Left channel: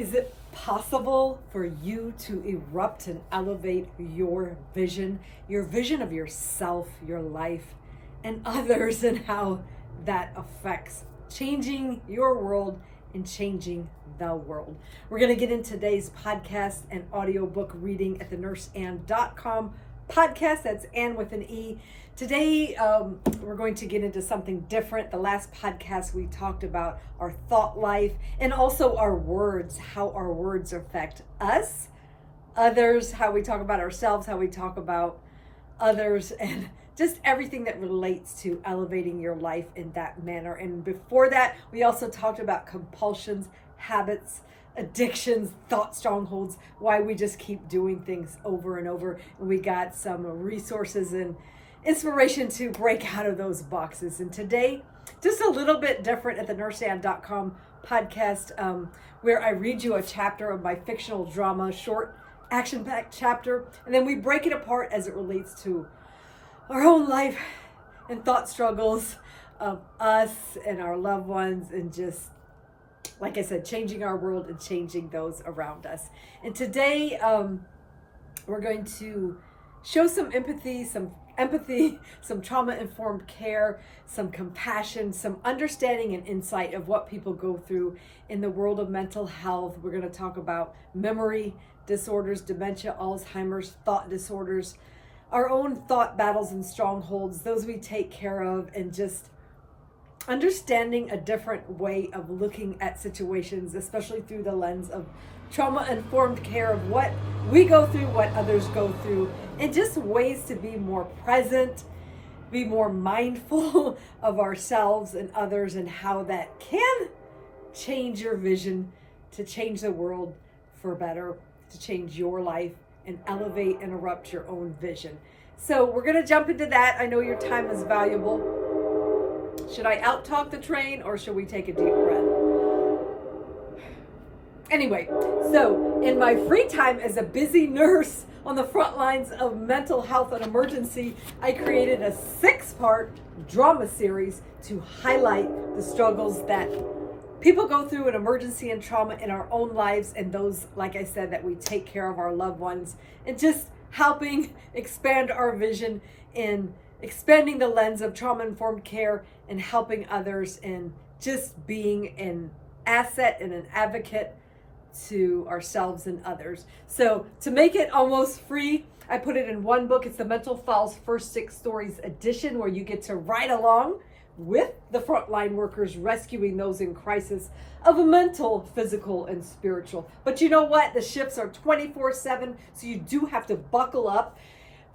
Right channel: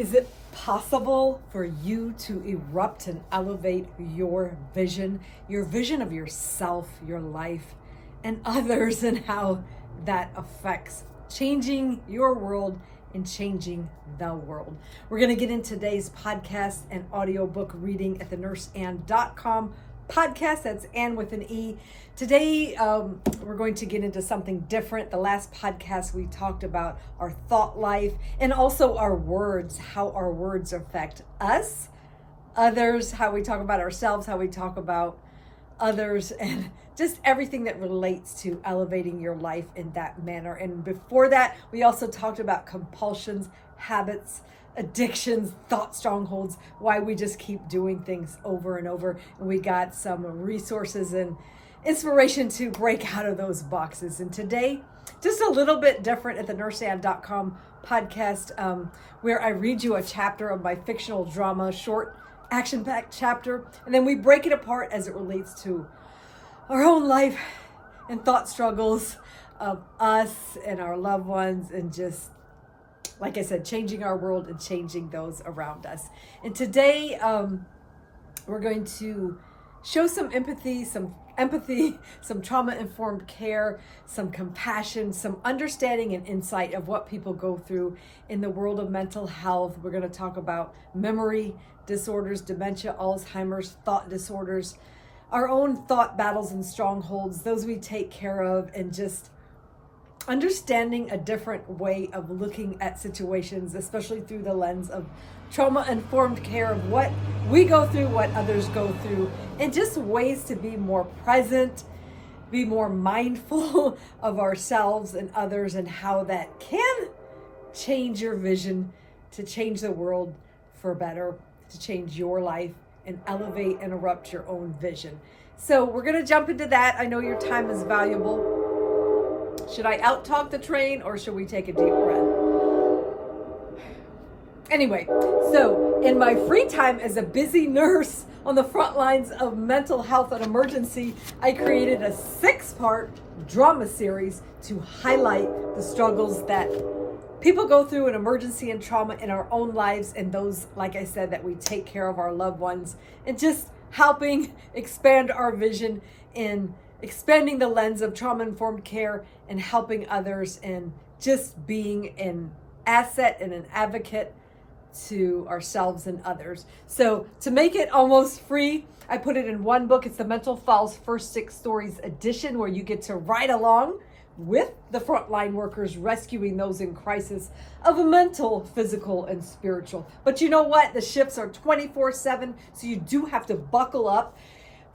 Is it possible for you to erupt and elevate your vision of yourself, your life, and others, and how that affects changing your world and changing the world? We're going to get in today's podcast and audiobook reading at the nurseann.com podcast. That's Ann with an E. Today, we're going to get into something different. The last podcast, we talked about our thought life and also our words, how our words affect us, others, how we talk about ourselves, how we talk about others, and just everything that relates to elevating your life in that manner. And before that, we also talked about compulsions, habits, addictions, thought strongholds, why we just keep doing things over and over. And we got some resources and inspiration to break out of those boxes. And today, just a little bit different at the nurseann.com podcast, where I read you a chapter of my fictional drama, short action-packed chapter, and then we break it apart as it relates to our own life and thought struggles of us and our loved ones, and just, like I said, changing our world and changing those around us. And today, we're going to show some empathy, some trauma-informed care, some compassion, some understanding and insight of what people go through in the world of mental health. We're going to talk about memory disorders, dementia, Alzheimer's, thought disorders, our own thought battles and strongholds, those we take care of, and just understanding a different way of looking at situations, especially through the lens of trauma-informed care, of what we go through, what others go through, and just ways to be more present, be more mindful of ourselves and others, and how that can change your vision to change the world for better, to change your life and elevate and erupt your own vision. So we're going to jump into that. I know your time is valuable. Should I out-talk the train, or should we take a deep breath? Anyway, so in my free time as a busy nurse on the front lines of mental health and emergency, I created a 6-part drama series to highlight the struggles that people go through in emergency and trauma in our own lives, and those, like I said, that we take care of our loved ones, and just helping expand our vision in expanding the lens of trauma-informed care and helping others, and just being an asset and an advocate to ourselves and others. So to make it almost free, I put it in one book. It's the Mental Files First 6 Stories edition, where you get to ride along with the frontline workers rescuing those in crisis of a mental, physical, and spiritual. But you know what? The shifts are 24/7, so you do have to buckle up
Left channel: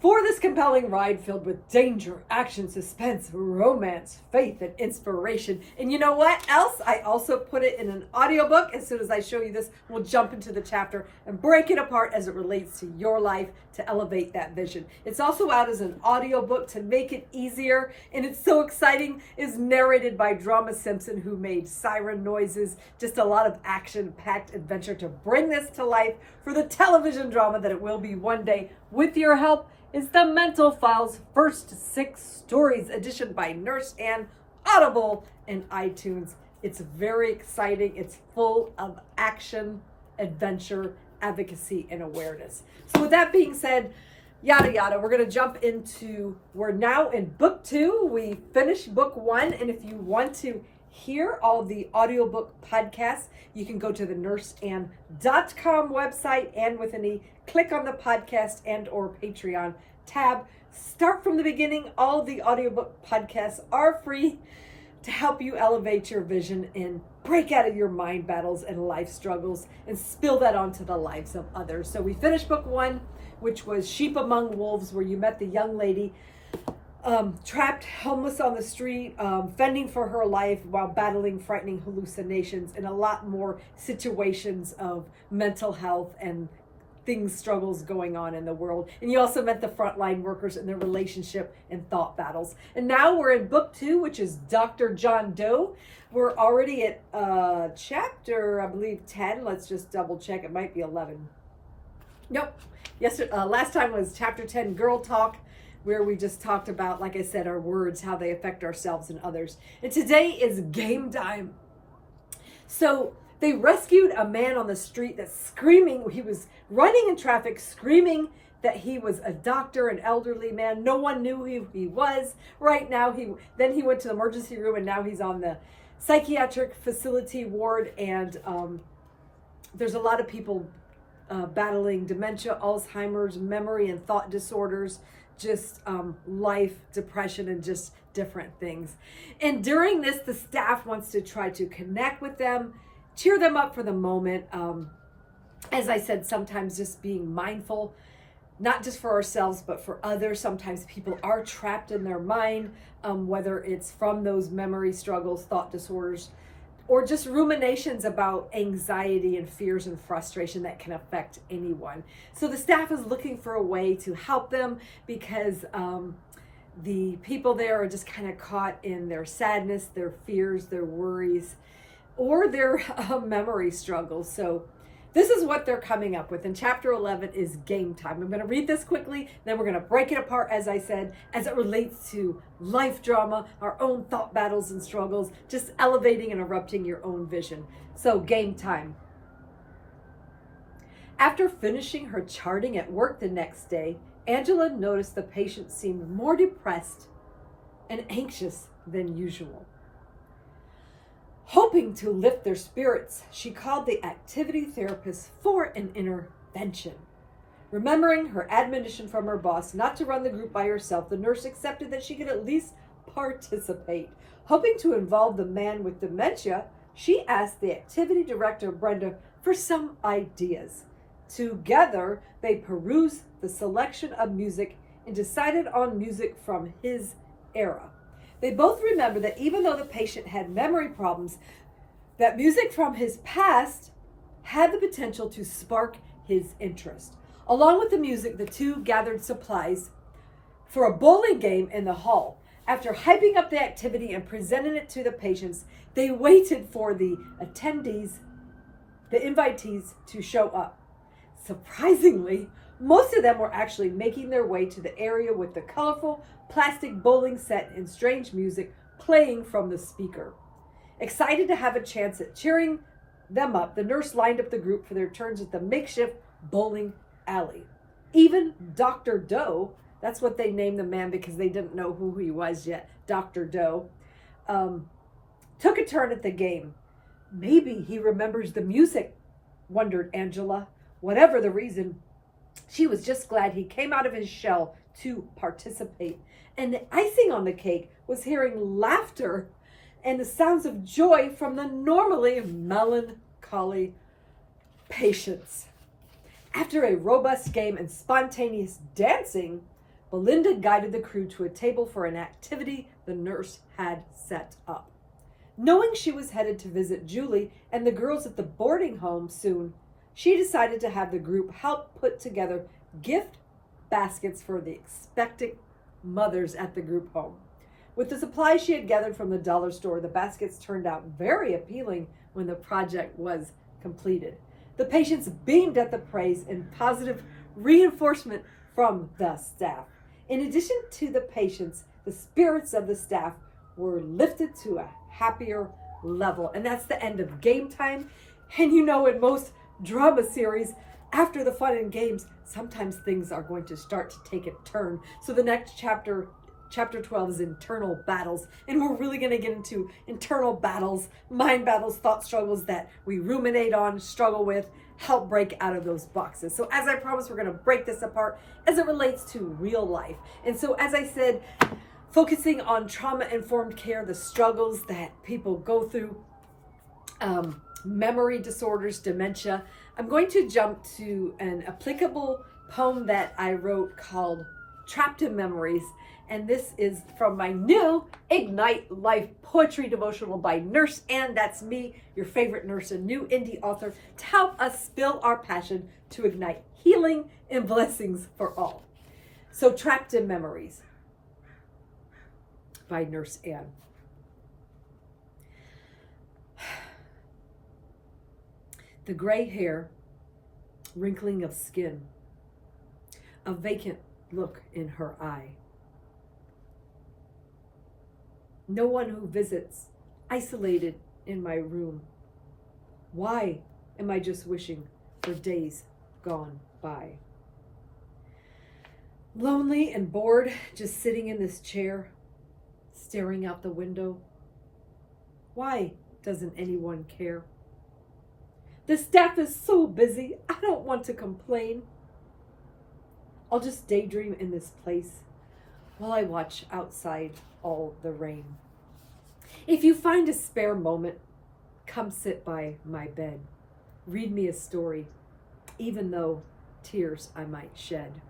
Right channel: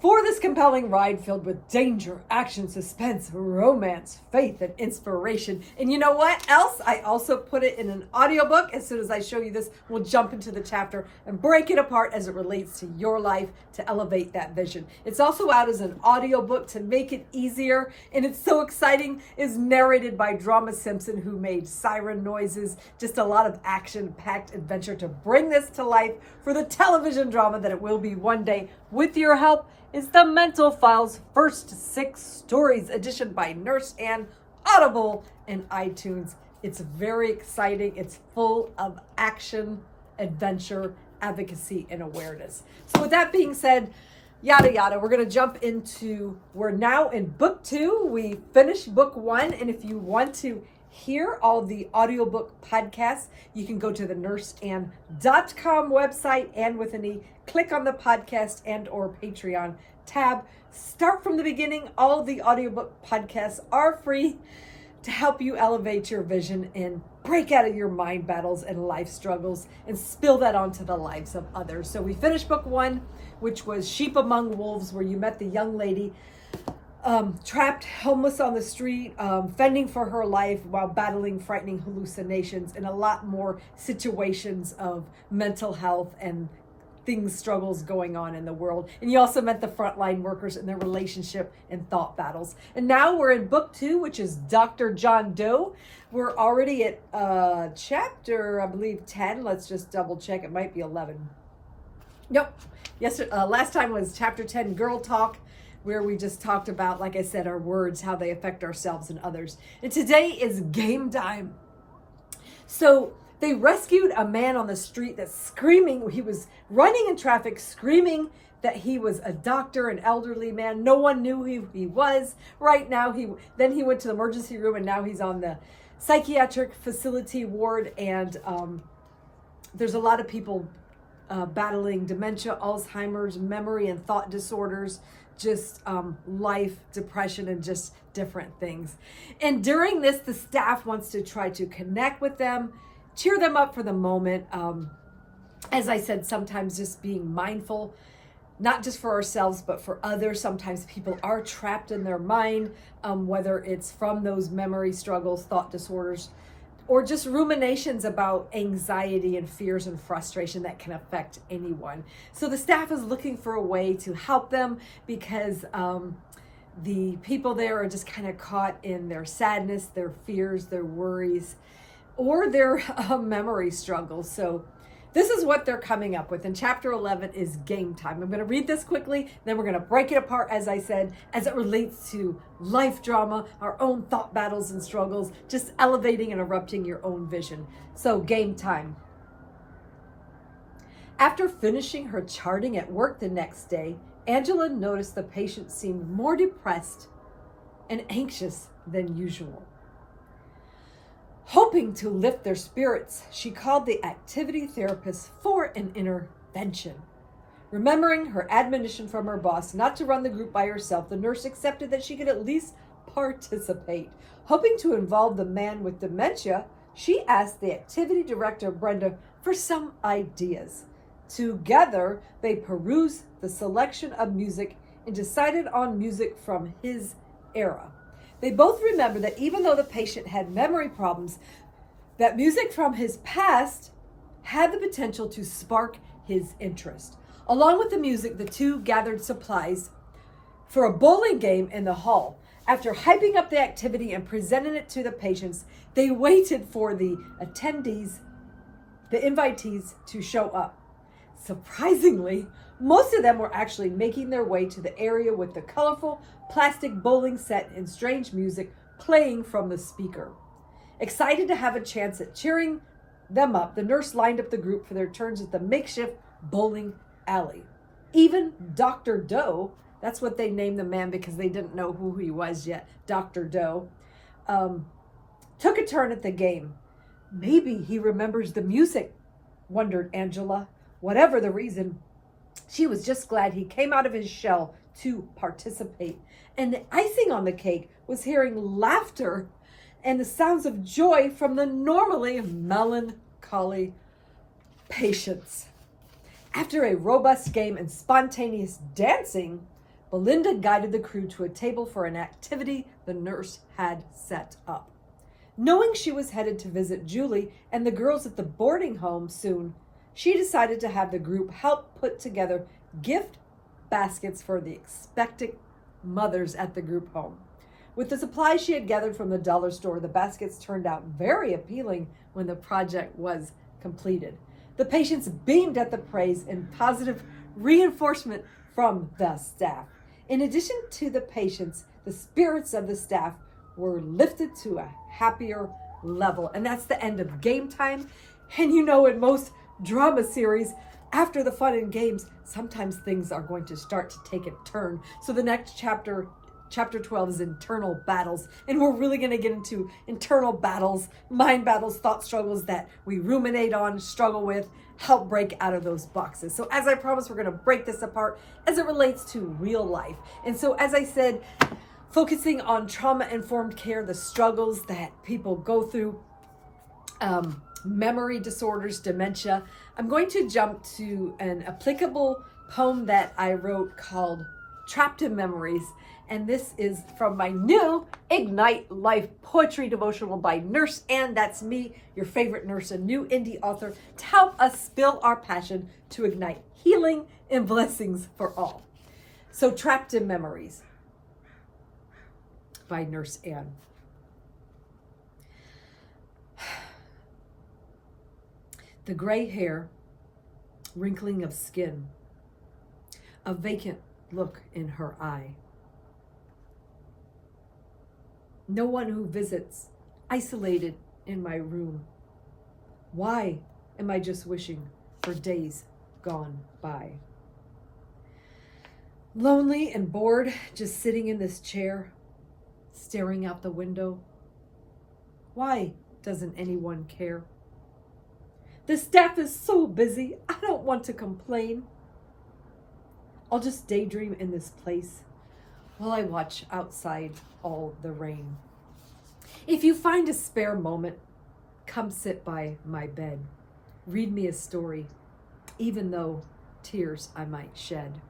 for this compelling ride filled with danger, action, suspense, romance, faith, and inspiration. And you know what else? I also put it in an audiobook. As soon as I show you this, we'll jump into the chapter and break it apart as it relates to your life to elevate that vision. It's also out as an audiobook to make it easier, and it's so exciting. It's narrated by Drama Simpson, who made siren noises. Just a lot of action-packed adventure to bring this to life for the television drama that it will be one day. With your help, is the Mental Files First 6 Stories edition by Nurse Ann, Audible, and iTunes. It's very exciting. It's full of action, adventure, advocacy, and awareness. So with that being said, yada yada, we're going to jump into, we're now in book 2. We finished book 1, and if you want to hear all the audiobook podcasts, you can go to the nurseann.com website, and with an E, click on the podcast and or Patreon tab. Start from the beginning. All the audiobook podcasts are free to help you elevate your vision and break out of your mind battles and life struggles and spill that onto the lives of others. So we finished book 1, which was Sheep Among Wolves, where you met the young lady trapped, homeless on the street, fending for her life while battling frightening hallucinations and a lot more situations of mental health and struggles going on in the world. And you also met the frontline workers and their relationship and thought battles. And now we're in book 2, which is Dr. John Doe. We're already at chapter, I believe, 10. Let's just double check. It might be 11. Nope. Last time was chapter 10, Girl Talk, where we just talked about, like I said, our words, how they affect ourselves and others. And today is game time. So They rescued a man on the street that's screaming. He was running in traffic, screaming that he was a doctor, an elderly man. No one knew who he was. Right now, he went to the emergency room, and now he's on the psychiatric facility ward. And there's a lot of people battling dementia, Alzheimer's, memory and thought disorders, just life, depression, and just different things. And during this, the staff wants to try to connect with them, cheer them up for the moment. As I said, sometimes just being mindful, not just for ourselves, but for others. Sometimes people are trapped in their mind, whether it's from those memory struggles, thought disorders, or just ruminations about anxiety and fears and frustration that can affect anyone. So the staff is looking for a way to help them because the people there are just kind of caught in their sadness, their fears, their worries, or their memory struggles. So this is what they're coming up with. And chapter 11 is game time. I'm going to read this quickly, then we're going to break it apart, as I said, as it relates to life drama, our own thought battles and struggles, just elevating and erupting your own vision. So game time. After finishing her charting at work the next day, Angela noticed the patient seemed more depressed and anxious than usual. Hoping to lift their spirits, she called the activity therapist for an intervention. Remembering her admonition from her boss not to run the group by herself, the nurse accepted that she could at least participate. Hoping to involve the man with dementia, she asked the activity director, Brenda, for some ideas. Together, they perused the selection of music and decided on music from his era. They both remembered that even though the patient had memory problems, that music from his past had the potential to spark his interest. Along with the music, the two gathered supplies for a bowling game in the hall. After hyping up the activity and presenting it to the patients, they waited for the invitees to show up. Surprisingly, most of them were actually making their way to the area with the colorful plastic bowling set and strange music playing from the speaker. Excited to have a chance at cheering them up, the nurse lined up the group for their turns at the makeshift bowling alley. Even Dr. Doe, that's what they named the man because they didn't know who he was yet, Dr. Doe, took a turn at the game. Maybe he remembers the music, wondered Angela. Whatever the reason, she was just glad he came out of his shell to participate. And the icing on the cake was hearing laughter and the sounds of joy from the normally melancholy patients. After a robust game and spontaneous dancing, Belinda guided the crew to a table for an activity the nurse had set up. Knowing she was headed to visit Julie and the girls at the boarding home soon, she decided to have the group help put together gift baskets for the expectant mothers at the group home. With the supplies she had gathered from the dollar store, the baskets turned out very appealing when the project was completed. The patients beamed at the praise and positive reinforcement from the staff. In addition to the patients, the spirits of the staff were lifted to a happier level. And that's the end of game time. And you know, in most drama series, after the fun and games, sometimes things are going to start to take a turn. So the next chapter 12 is internal battles. And we're really going to get into internal battles, mind battles, thought struggles that we ruminate on, struggle with, help break out of those boxes. So as I promised, we're going to break this apart as it relates to real life. And so as I said, focusing on trauma-informed care, the struggles that people go through, memory disorders, dementia. I'm going to jump to an applicable poem that I wrote called Trapped in Memories. And this is from my new Ignite Life Poetry Devotional by Nurse Ann. That's me, your favorite nurse, a new indie author, to help us spill our passion to ignite healing and blessings for all. So Trapped in Memories by Nurse Ann. The gray hair, wrinkling of skin, a vacant look in her eye. No one who visits, isolated in my room. Why am I just wishing for days gone by? Lonely and bored, just sitting in this chair, staring out the window. Why doesn't anyone care? The staff is so busy, I don't want to complain. I'll just daydream in this place while I watch outside all the rain. If you find a spare moment, come sit by my bed. Read me a story, even though tears I might shed.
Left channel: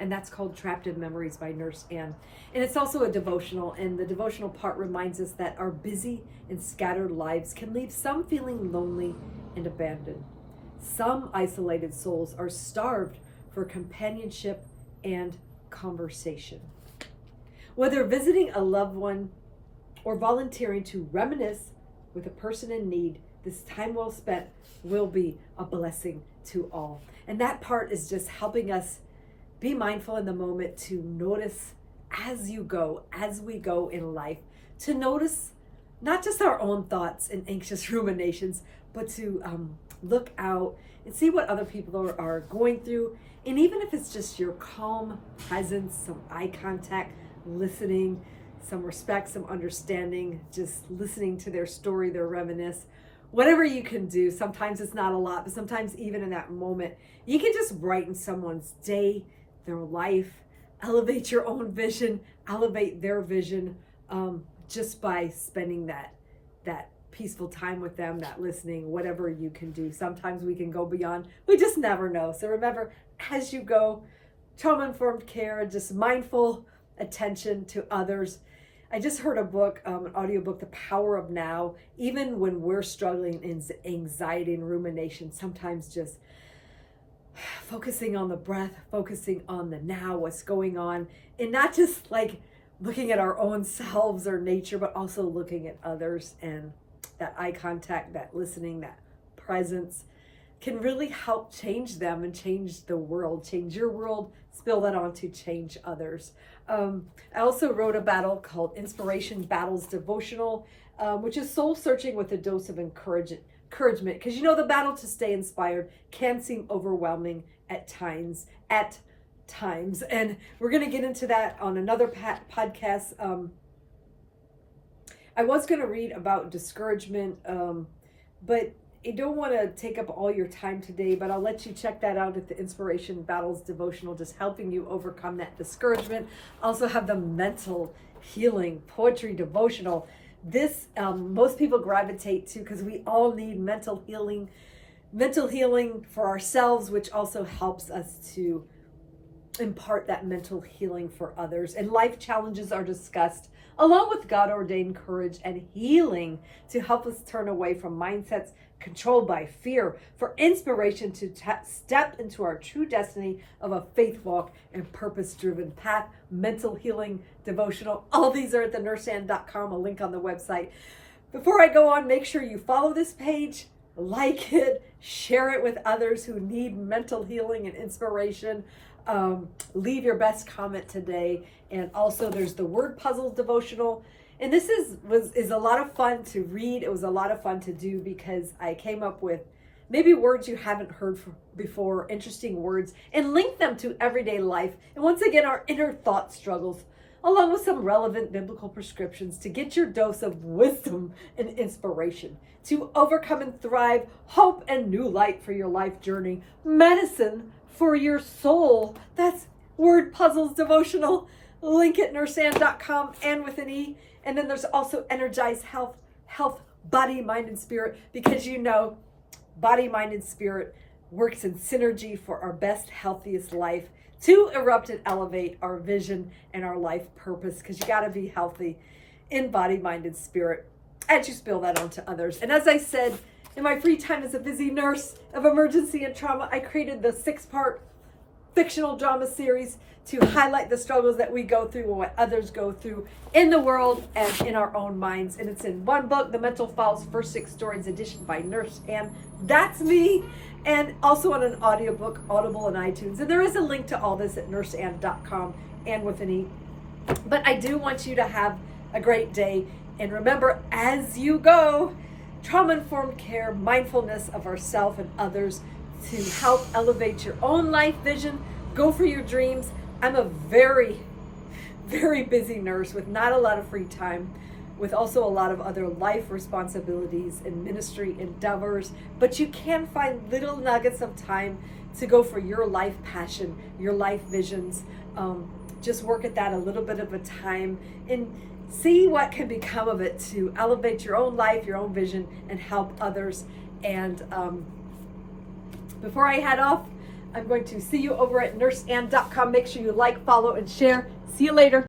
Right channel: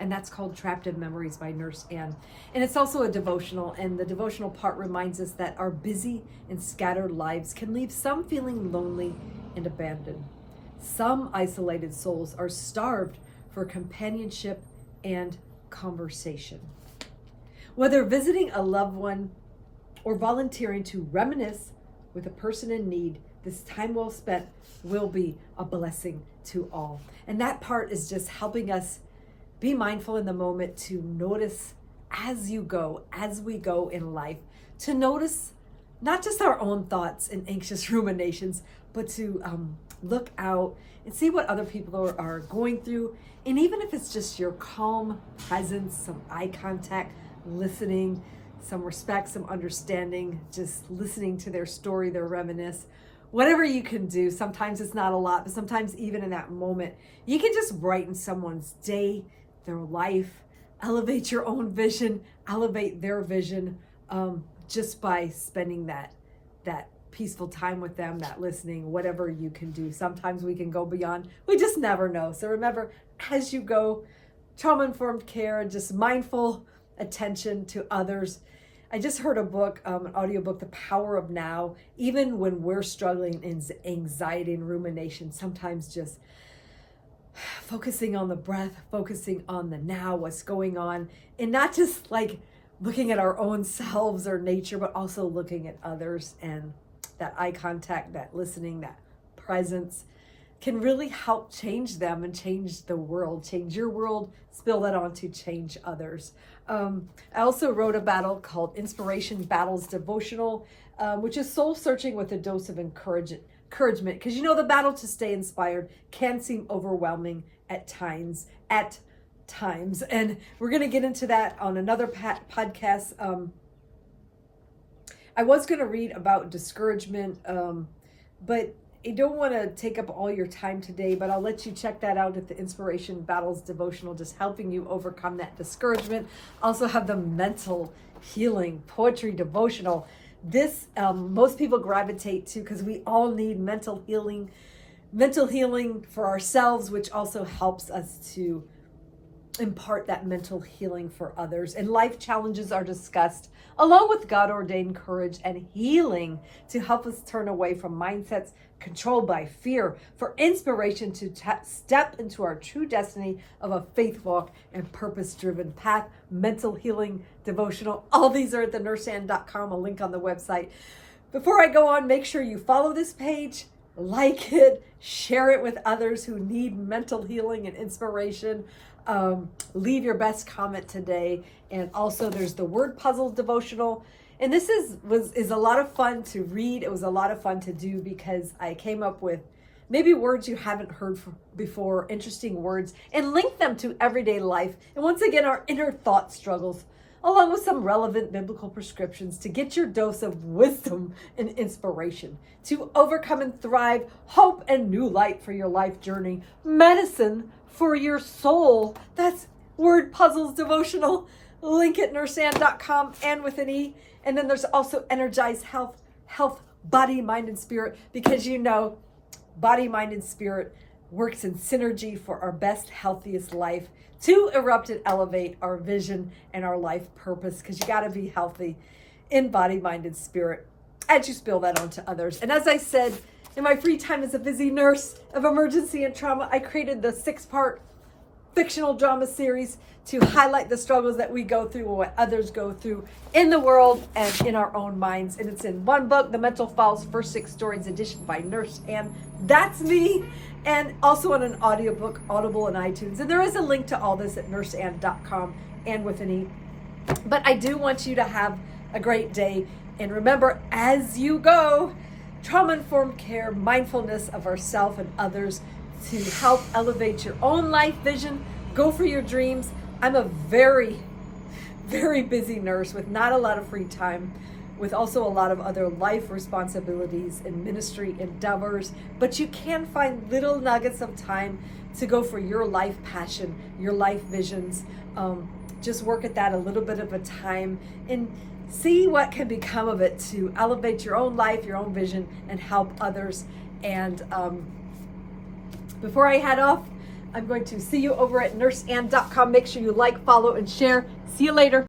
And that's called Trapped in Memories by Nurse Ann. And it's also a devotional, and the devotional part reminds us that our busy and scattered lives can leave some feeling lonely and abandoned. Some isolated souls are starved for companionship and conversation. Whether visiting a loved one or volunteering to reminisce with a person in need, this time well spent will be a blessing to all. And that part is just helping us be mindful in the moment, to notice as we go in life, to notice not just our own thoughts and anxious ruminations, but to look out and see what other people are going through. And even if it's just your calm presence, some eye contact, listening, some respect, some understanding, just listening to their story, their reminisce, whatever you can do. Sometimes it's not a lot, but sometimes even in that moment, you can just brighten someone's day, their life, elevate your own vision, elevate their vision, just by spending that peaceful time with them, that listening, whatever you can do. Sometimes we can go beyond. We just never know. So remember, as you go, trauma-informed care, just mindful attention to others. I just heard a book, an audiobook, The Power of Now. Even when we're struggling in anxiety and rumination, sometimes just focusing on the breath, focusing on the now, what's going on, and not just like looking at our own selves or nature, but also looking at others, and that eye contact, that listening, that presence can really help change them and change the world, change your world, spill that on to change others. I also wrote a battle called Inspiration Battles Devotional, which is soul searching with a dose of encouragement, because you know the battle to stay inspired can seem overwhelming at times, and we're going to get into that on another podcast. I was going to read about discouragement, but I don't want to take up all your time today, but I'll let you check that out at the Inspiration Battles Devotional, just helping you overcome that discouragement. Also have the Mental Healing Poetry Devotional. This most people gravitate to because we all need mental healing for ourselves, which also helps us to impart that mental healing for others. And life challenges are discussed along with God-ordained courage and healing to help us turn away from mindsets controlled by fear, for inspiration to step into our true destiny of a faith walk and purpose-driven path. Mental Healing Devotional. All these are at thenurseann.com, a link on the website. Before I go on, make sure you follow this page, like it, share it with others who need mental healing and inspiration. Leave your best comment today. And also there's the Word Puzzle Devotional. And this is a lot of fun to read. It was a lot of fun to do because I came up with maybe words you haven't heard before, interesting words, and link them to everyday life. And once again, our inner thought struggles, along with some relevant biblical prescriptions to get your dose of wisdom and inspiration to overcome and thrive, hope and new light for your life journey, medicine for your soul. That's Word Puzzles Devotional. Link at nurseann.com and with an E. And then there's also Energize Health, Body, Mind, and Spirit, because you know body, mind, and spirit works in synergy for our best, healthiest life to erupt and elevate our vision and our life purpose, because you got to be healthy in body, mind, and spirit as you spill that onto others. And as I said, in my free time as a busy nurse of emergency and trauma, I created the 6-part fictional drama series to highlight the struggles that we go through and what others go through in the world and in our own minds. And it's in one book, The Mental Files, First 6 Stories edition by Nurse Ann. That's me. And also on an audiobook, Audible and iTunes. And there is a link to all this at nurseann.com and with an E. But I do want you to have a great day. And remember, as you go, trauma-informed care, mindfulness of ourselves and others to help elevate your own life vision, go for your dreams. I'm a very, very busy nurse with not a lot of free time, with also a lot of other life responsibilities and ministry endeavors, but you can find little nuggets of time to go for your life passion, your life visions. Just work at that a little bit of a time and see what can become of it to elevate your own life, your own vision, and help others. And before I head off, I'm going to see you over at nurseann.com. Make sure you like, follow, and share. See you later.